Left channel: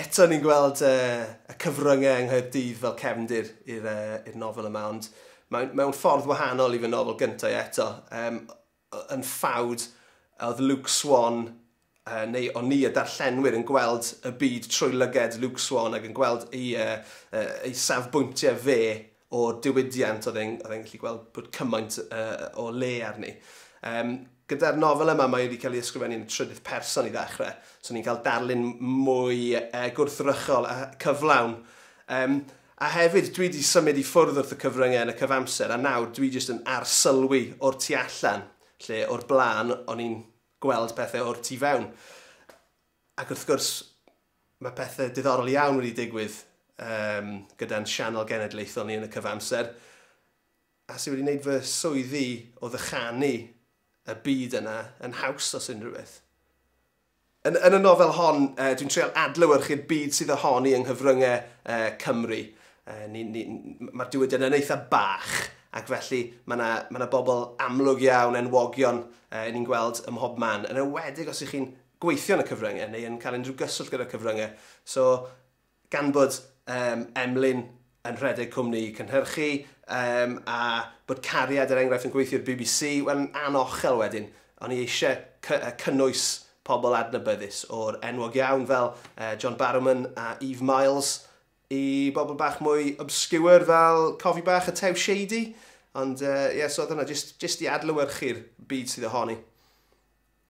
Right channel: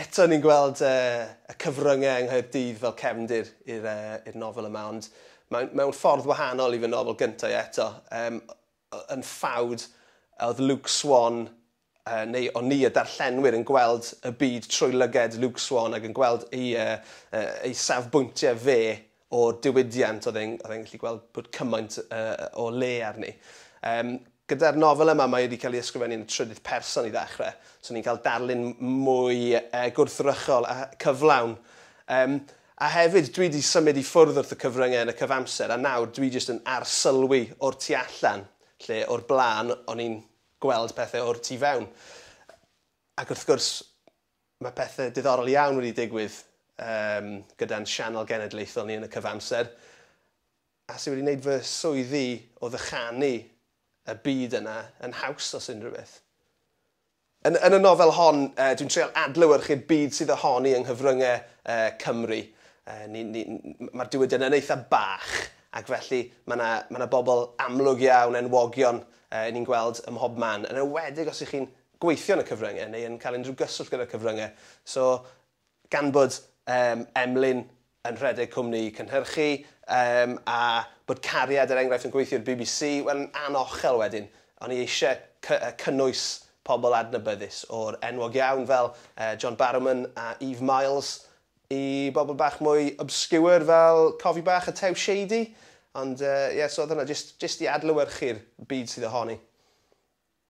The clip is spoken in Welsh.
eto ni'n gweld y cyfryngau yng Nghaerdydd fel cefndir i'r nofel yma, ond mewn ffordd wahanol i fy nofel gyntaf eto. Yn ffawd, oedd Luke Swan, neu o'n ni y darllenwyr yn gweld y byd trwy lyged Luke Swan ac yn gweld ei safbwyntiau fe o'r diwydiant oedd e'n gallu gweld bod cymaint o le arni. Gyda'r nofel yma, mae wedi cael ei ysgrifennu yn y trydydd person i ddechrau, so ni'n cael darlun mwy gwrthrychol a cyflawn. A hefyd, dwi wedi symud i ffwrdd wrth y cyfryngau yn y cyfamser, a nawr dwi jyst yn arsylwi o'r tu allan, lle o'r blaen o'n i'n gweld pethau o'r tu fewn. Ac wrth gwrs, mae pethau diddorol iawn wedi digwydd gyda'n sianel genedlaethol ni yn y cyfamser, a sydd wedi gwneud fy swyddi o ddychanu y byd yna yn haws os unrhyw beth. Yn y nofel hon, dwi'n treol adlewyrchu'r byd sydd ohoni yng nghyfryngau Cymru. Mae'r diwydiant yn eitha bach, ac felly mae yna bobl amlwg iawn, enwogion ni'n gweld ym mhob man. Yn enwedig os ych chi'n gweithio yn y cyfryngau neu yn cael unrhyw gyswllt gyda'r cyfryngau. So, gan bod Emlyn yn rhedeg cwmni cynhyrchu, a bod cariad enghraifft yn gweithio'r BBC, yn anochel wedyn. O'n i eisiau cynnwys pobl adnabyddus o'r enwog iawn fel John Barrowman a Eve Miles i bobl bach mwy obscure fel Cofi Bach a Tew Shady. Ond so oedd hwnna jyst i adlewyrchu'r byd sydd ohoni.